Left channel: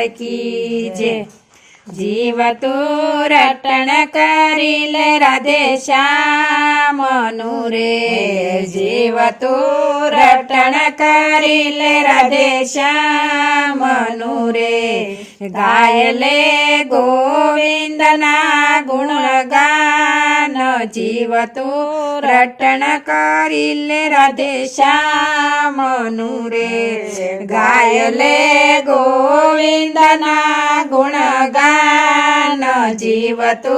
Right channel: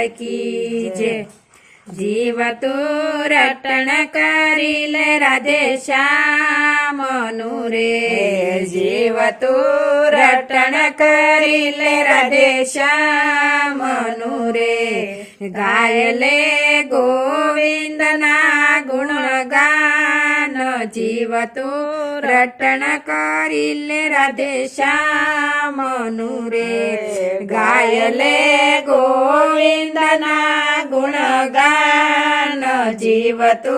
लाल की जय। जीव तू रटण करील राधे श्याम रे। जीव तू रटण करील राधे श्याम रे। गायले गोविंदना गुणगान। जीव तू रटण करील राधे श्याम रे। गायले गोविंदना गुणगान। जीव तू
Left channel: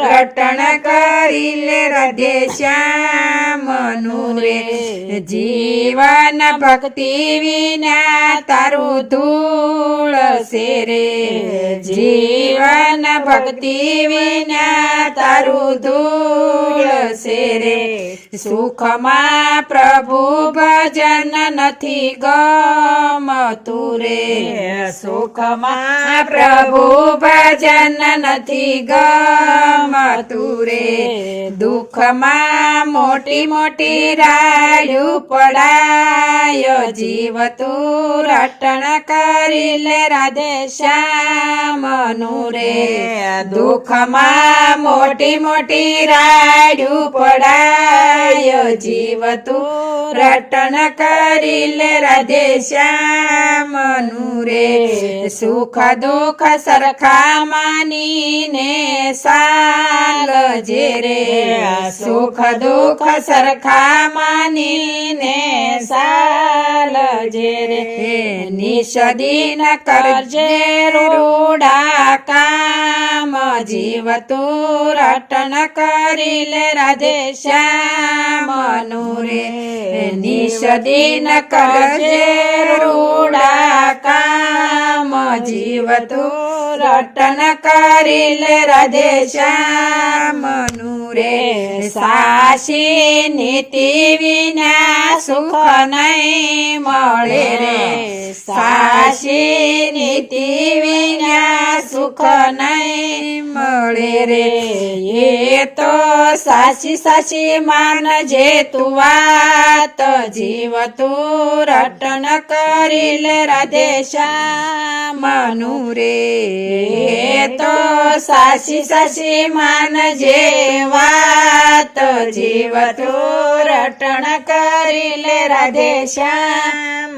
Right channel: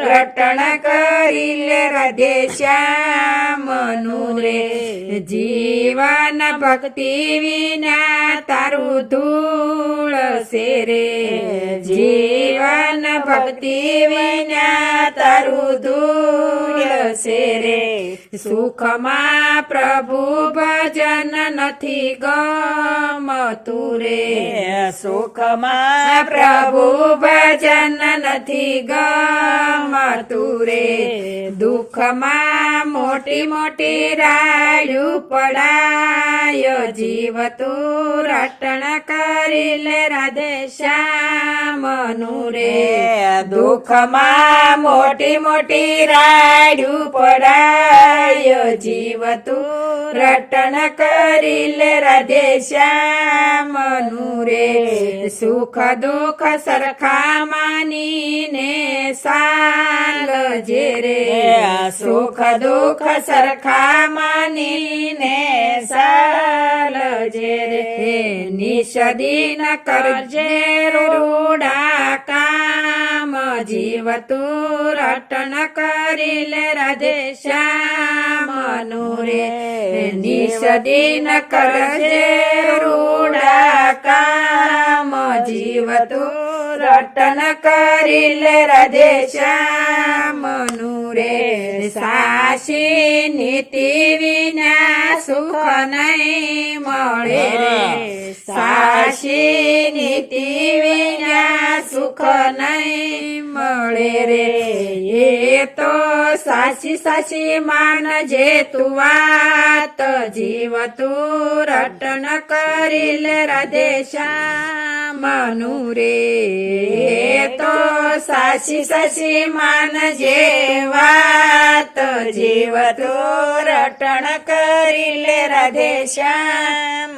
रटण करील राधे श्याम रे। जीवन भक्ति विना तारू धूळ से रे। जीवन भक्ति विना तारू धूळ से रे। सुख मा प्रभु भजन नथी गमतु रे। सुख मा प्रभु भजन नथी गमतु रे। दुख मा मोटी मोटी राड्यू पड़ायो। जीव तू रटण करील राधे श्याम रे। दुख मा मोटी मोटी राड्यू पड़ायो। जीव तू रटण करील राधे श्याम रे। सुख दुख सरखा मानीने साल जे रे। सुख दुख सरखा मानीने साल जे रे। निषदीन करजे रूढा काम। जीव तू रटण करील राधे श्याम रे। निषदीन करजे रूढा काम। जीव तू रटण करील राधे श्याम रे। साशी नीति विना सुख नहीं मळे रे। साशी नीति विना सुख नहीं मळे रे। ये तो साशी साशी मान जे तू वात। जीव तू रटण करील राधे श्याम रे। तो साशी साशी मान जे वात। जीव तू रटण करील राधे श्याम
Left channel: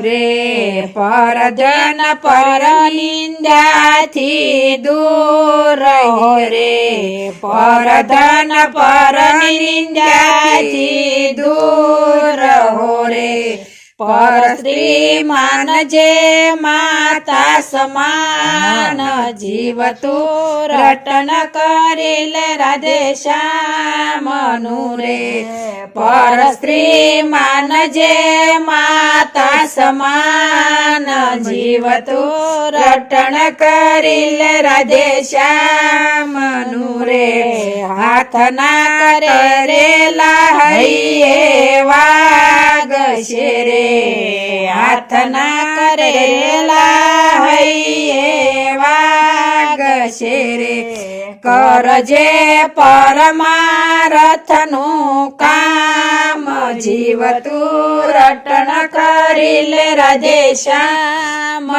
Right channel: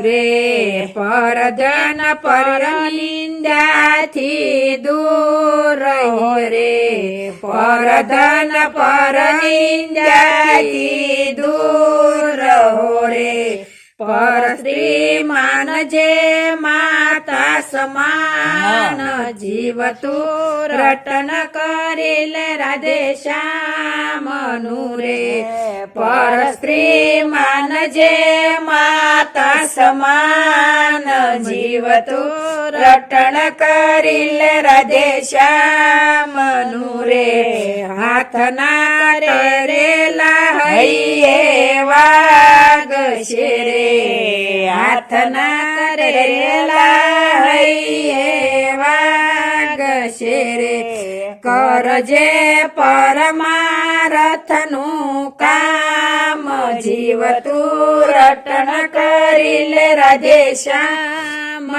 रे। परजन पर निंद्या थी दूर हो रे। परजन पर निंद्या थी दूर हो रे। पर स्त्री मान जे माता समान। जीव तू रटण करील राधे श्याम रे। पर स्त्री मान जे माता समान। जीव तू रटण करील राधे श्याम रे। हाथ ना करेला हैये वाग शेरे। हाथ ना करेला हैये वाग शेरे। करजे परमारथनु काम। जीव तू रटण करील राधे श्याम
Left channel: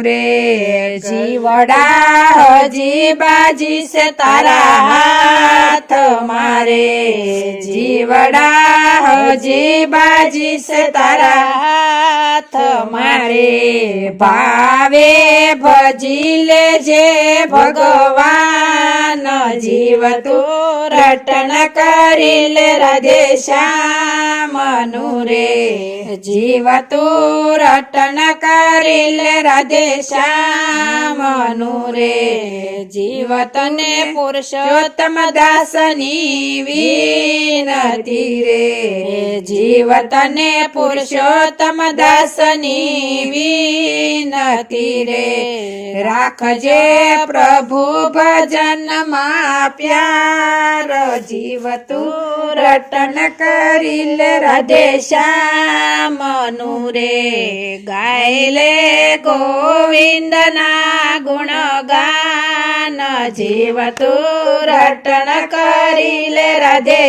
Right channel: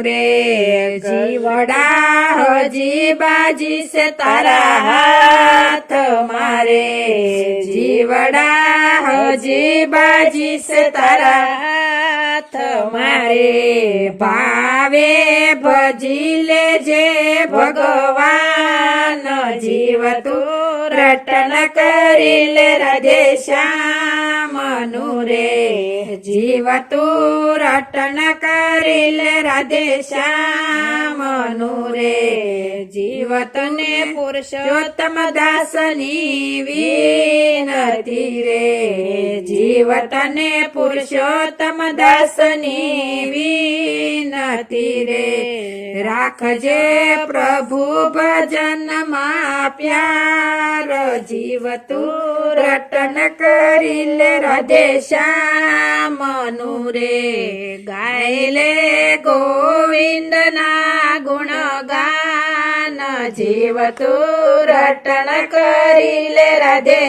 रे। जीवड़ा हजी बाजी से तारा हाथ मारे। जीवड़ा हजी बाजी से तारा हाथ मारे। भावे भजिले जे भगवान। जीव तू रटण करील राधे श्याम रे। जीव तू रटण करील राधे श्याम रे। जीव तने पुरुषोत्तम दासनी विनती रे। जीव तने पुरुषोत्तम दासनी विनती रे। राखजे प्रभु भजन मा प्यार। जीव तू रटण करील राधे श्याम रे। गायले गोविंदना गुणगान। जीव तू रटण करील राधे